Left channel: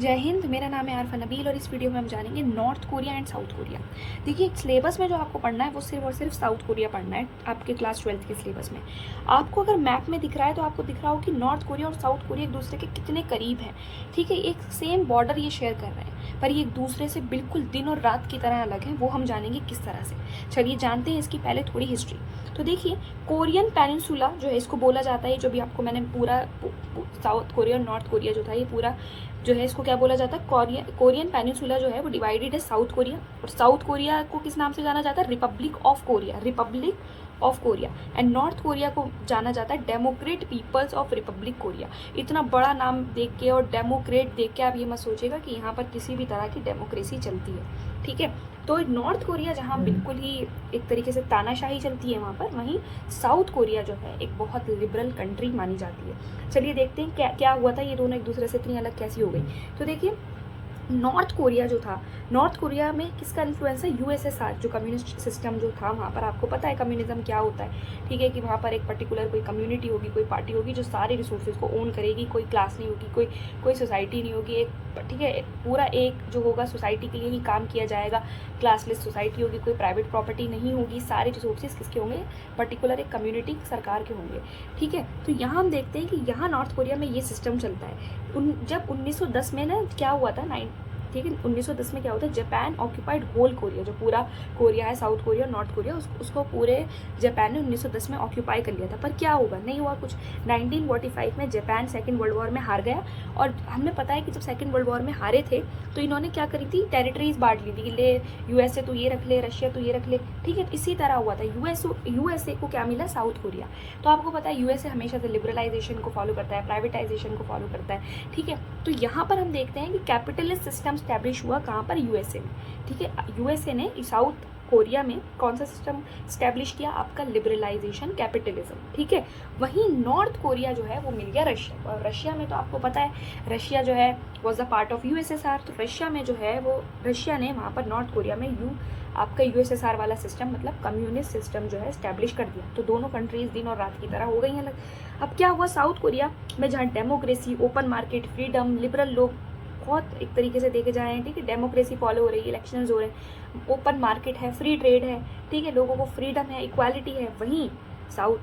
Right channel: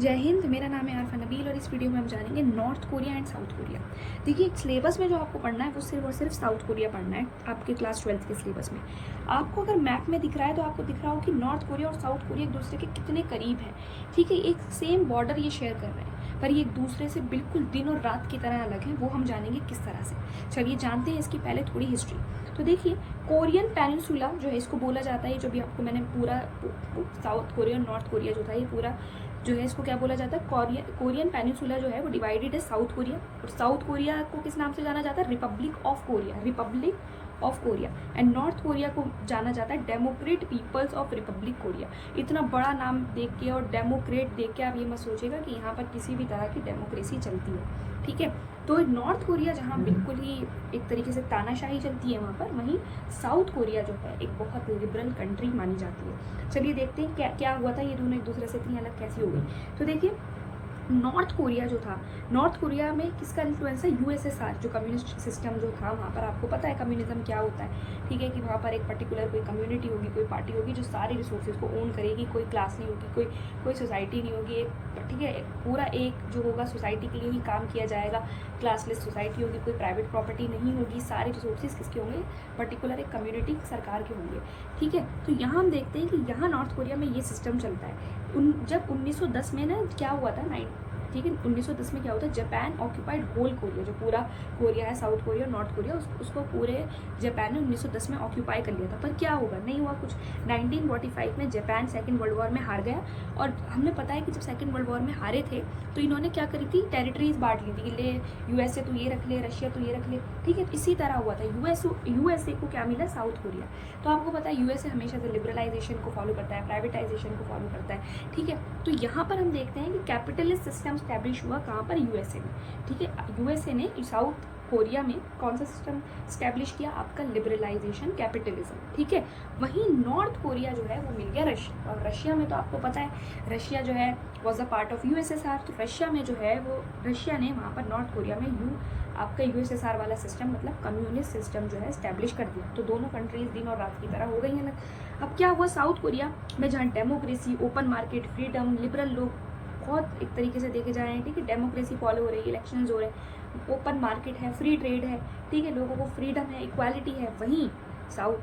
जय हिंद, मेरा नाम है आरफा नबील और इस वीडियो में हम जानेंगे north Korea and south Korea. देखिए, सिलेबस में जो आपको पढ़ना है वो सिर्फ और सिर्फ साउथ कोरिया पढ़ना है आपके क्लास 12th के सिलेबस में। आपको अगर मैप में दिख रहा है तो आपको दिख रहा हो कि नॉर्थ कोरिया और साउथ कोरिया एक दूसरे के कितने करीब हैं। ठीक है, एक सेम बॉर्डर ये शेयर कर रहे हैं, पर ये एक दूसरे से बिल्कुल दिन और रात की तरह अलग हैं। वो हम जानेंगे किस तरह से। चलिए जानते हैं इसकी पहले थोड़ी हिस्ट्री। तो देखिए, कोरियन पेनिनसुला जो है इसको बोला जाता है, जो भी आपको मैंने पूरा साउथ कोरिया और नॉर्थ कोरिया जो था ये पूरा जो है इसको क्या बोला जाता है, कोरियन पेनिनसुला जो है वो डिवाइडेड है साउथ कोरिया। और साउथ कोरिया को किस नाम से जाना जाता है? Republic of Korea, Republic of Korea. And North Korea को जाना जाता है Democrat People's of Republic Korea. इतना बड़ा नाम देख के और डेमोक्रेट देख के आप ये मत सोचिएगा कि यहाँ पर किसी भी तरह की डेमोक्रेसी चलती है। ठीक है, तो नॉर्थ कोरिया जहाँ बिल्कुल ही एक तरीके से तानाशाही चलती है वहाँ पर, वहीं साउथ कोरिया जो है एक बहुत लिबरल कंट्री मानी जाती है। चलिए देखते हैं क्या क्या हुआ था, ये दोनों एक दूसरे से इतनी अलग कैसी हो गई। तो देखिए, नॉर्थ कोरिया जो था, नॉर्थ कोरिया में किसका इन्फ्लुएंस है? यूएसएसआर, जो कम्युनिस्ट सिस्टम जो था वहाँ पर। आपको पता है कम्युनिज्म क्या होता है। ठीक है, कि वहाँ पर एक पर्टिकुलर कोई कम्युनिटी होगी, कोई पार्टी होगी जो सारे रिसोर्सेज को ओन करेगी। कोई क्लास नहीं होगी, कोई सोसाइटी नहीं होगी। एक ठीक है, पूरा एक जो होगा सोसाइटी के लिए ही काम किया जाएगा। क्लासलेस सोसाइटी होगी, कोई प्राइवेट प्रॉपर्टी नहीं होगी। सारे रिसोर्सेज किसके होंगे? पर्टिकुलर एक कम्युनिटी सरकार के होंगे। ठीक है, तो यहाँ हम देखते हैं कि यहाँ नॉर्थ कोरिया में ये सिस्टम चलता है। जब 1910 में ना क्या हुआ था, ठीक है, 1910 में क्या होता है, जापान ऑक्यूपाइड होल कोरिया, जो पूरा कोरिया है साउथ कोरिया और नॉर्थ कोरिया, उसको पूरे जापान ने 1910 में ऑक्यूपाई कर लिया था। पर क्या होगा? नहीं हुआ कुछ। 1945 में जापान सेकेंड वर्ल्ड वॉर में हार गया। और हमें पता है कि जब सेकेंड वर्ल्ड वॉर में हारे थे तो इन्होंने क्या करी थी? टेरिटरीज बांट ली थी कि ले यूएसए तो ये रख ले, रशिया तो ये रख ले। ठीक है, इसी तरह हुआ था। यूएसए को क्या मिला? South Korea. तो आपको पता है यूएसए हमेशा से लिबरलाइजेशन को फॉलो करता है, प्राइवेटाइजेशन को फॉलो करता है। ठीक है, तो यहाँ पर हम देखते हैं कि कैपिटलिस्ट सिस्टम स्टैब्लिश हुआ कहाँ पर? यूएसए में। ठीक है, यूएसए ने साउथ कोरिया में कौन सा सिस्टम स्टैब्लिश किया? आपका लिबरलाइजेशन, कैपिटलिज्म। ठीक है, वहीं नॉर्थ कोरिया जो है वो मिल गया रशिया। और रशिया में तो आपको पता है रशिया जो है was a part of USSR. तो रशिया में जो है वो रशिया ने वहाँ पर नॉर्थ कोरिया में आपका यूएसएसआर वाला सिस्टम, मतलब कम्युनिस्ट सिस्टम जो है स्टैब्लिश कर दिया। तो दोनों कंट्रीज दिन और रात की तरह हो गई अलग। अब क्या हुआ? साउथ कोरिया में जहाँ democracy, open market, freedom, liberal लोग बहुत एक तरीके से देखे जा रहे हैं। ठीक है, डेमोक्रेसी फॉलो हो रही है, इलेक्शंस हो रहे हैं, ओपन मार्केट है, फ्री ट्रेड है। ठीक है, लोगों को फ्रीडम है, इक्वालिटी है। वहीं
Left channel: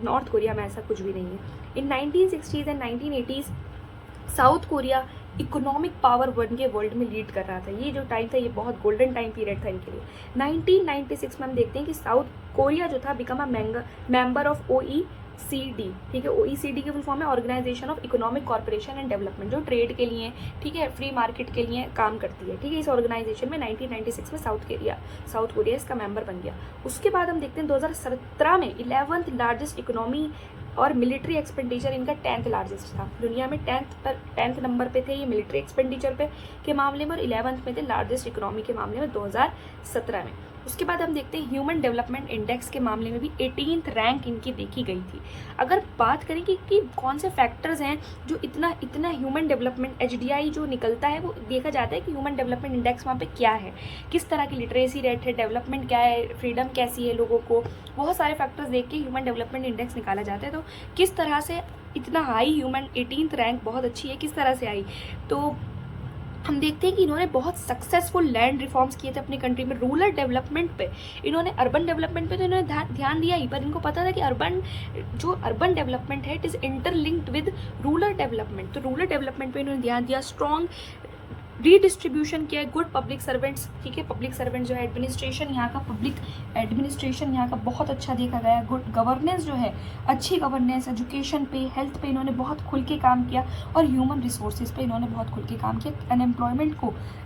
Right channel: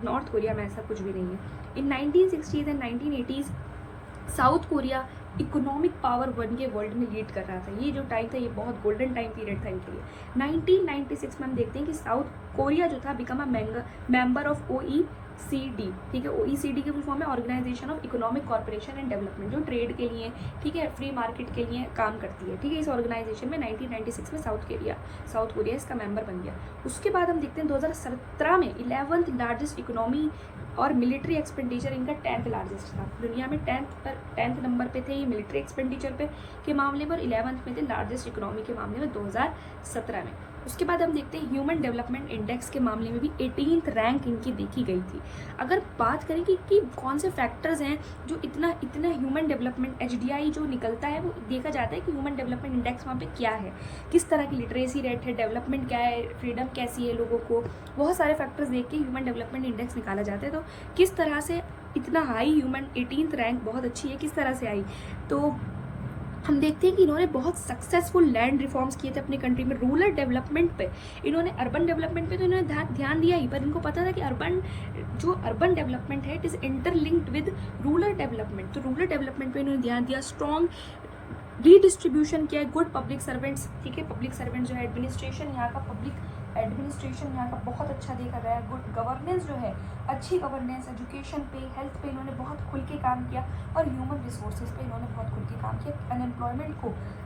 नॉर्थ कोरिया में ऐसा कुछ भी नहीं है। इन 1960s and 1980s south Korea economic power बन के वर्ल्ड में लीड कर रहा था। ये जो टाइम था ये बहुत गोल्डन टाइम पीरियड था इनके लिए। 1996 में हम देखते हैं कि साउथ कोरिया जो था become a member of OECD। ठीक है, OECD की फुल फॉर्म है Organisation of Economic Corporation and Development, जो ट्रेड के लिए, ठीक है, फ्री मार्केट के लिए काम करती है। ठीक है, इस ऑर्गेनाइजेशन में 1996 में साउथ कोरिया इसका मेंबर बन गया। उसके बाद हम देखते हैं 2017 में 11th लार्जेस्ट इकोनॉमी और मिलिट्री एक्सपेंडिचर इनका 10th लार्जेस्ट था। दुनिया में 10th नंबर पे थे ये मिलिट्री एक्सपेंडिचर पे के मामले में, और 11th में थे लार्जेस्ट इकोनॉमी के मामले में 2017 में। उसके बाद हम देखते हैं ह्यूमन डेवलपमेंट इंडेक्स के मामले में भी 18th रैंक इनकी देखी गई थी। अगर बात करें कि कौन से फैक्टर्स हैं जो इतना ह्यूमन डेवलपमेंट HDI जो निकलता है, वो देखा जाता है कि ह्यूमन डेवलपमेंट इंडेक्स वहाँ पे क्या है, किस तरह की लिटरेसी रेट है, डेवलपमेंट क्या है, फ्रीडम कैसी है लोगों को, बहुत सारे फैक्टर्स देख के ह्यूमन डेवलपमेंट इंडेक्स निकाला जाता है। तो किस तरह से इतना हाई ह्यूमन 18th रैंक बहुत अच्छी है, किस तरह से आई? तो हम देखते हैं कि इन्होंने बहुत सक्सेसफुल लैंड रिफॉर्म्स किए थे अपनी कंट्री में। रूरल डेवलपमेंट पे इन्होंने, अर्बन डेवलपमेंट पे तो इन्होंने ध्यान दिया ही, पर इनको पता था कि अर्बन डेवलपमेंट है it is interlinked with rural development. तो रूरल डेवलपमेंट पे इन्होंने ध्यान दिया, स्ट्रॉन्ग रीडिस्ट्रीब्यूशन किया है, गुड पब्लिक सर्वेंट्स। ठीक है, पब्लिक सर्वेंट जो है, एडमिनिस्ट्रेशन यहाँ का, पब्लिक एडमिनिस्ट्रेशन यहाँ का बहुत अच्छा देखा गया। गुड गवर्नेंस जो है, अच्छी गवर्नेंस, एजुकेशन पे, हेल्थ पे इन्होंने बहुत खुल के काम किया, और ह्यूमन रिसोर्सेज पे इन्होंने बहुत खुल के काम किया।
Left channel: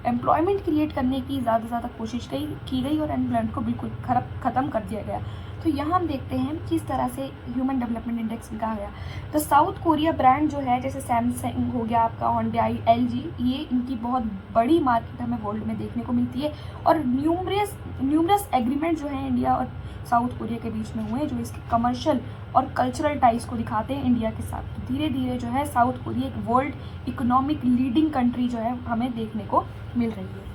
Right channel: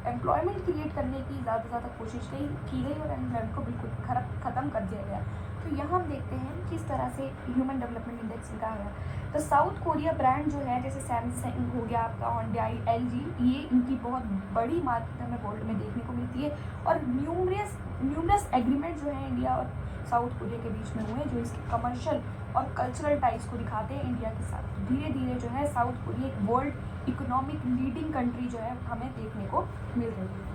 एम्प्लॉयमेंट क्रिएट करने की ज़्यादा कोशिश की गई और एम्प्लॉयमेंट को बिल्कुल ख़त्म कर दिया गया। तो यहाँ हम देखते हैं किस तरह से ह्यूमन डेवलपमेंट इंडेक्स निकाला गया। तो साउथ कोरिया ब्रांड जो है, जैसे सैमसंग हो गया आपका, Hyundai, LG, ये इनकी बहुत बड़ी मार्केट हमें वर्ल्ड में देखने को मिलती है। और न्यूमरस एग्रीमेंट जो है इंडिया और साउथ कोरिया के बीच में हुए, जो इसके कमर्शियल और कल्चरल टाइज को दिखाते हैं इंडिया के साथ। तो धीरे धीरे जो है साउथ कोरिया एक वर्ल्ड इकोनॉमिक लीडिंग कंट्री जो है हमें देखने को मिल रही है।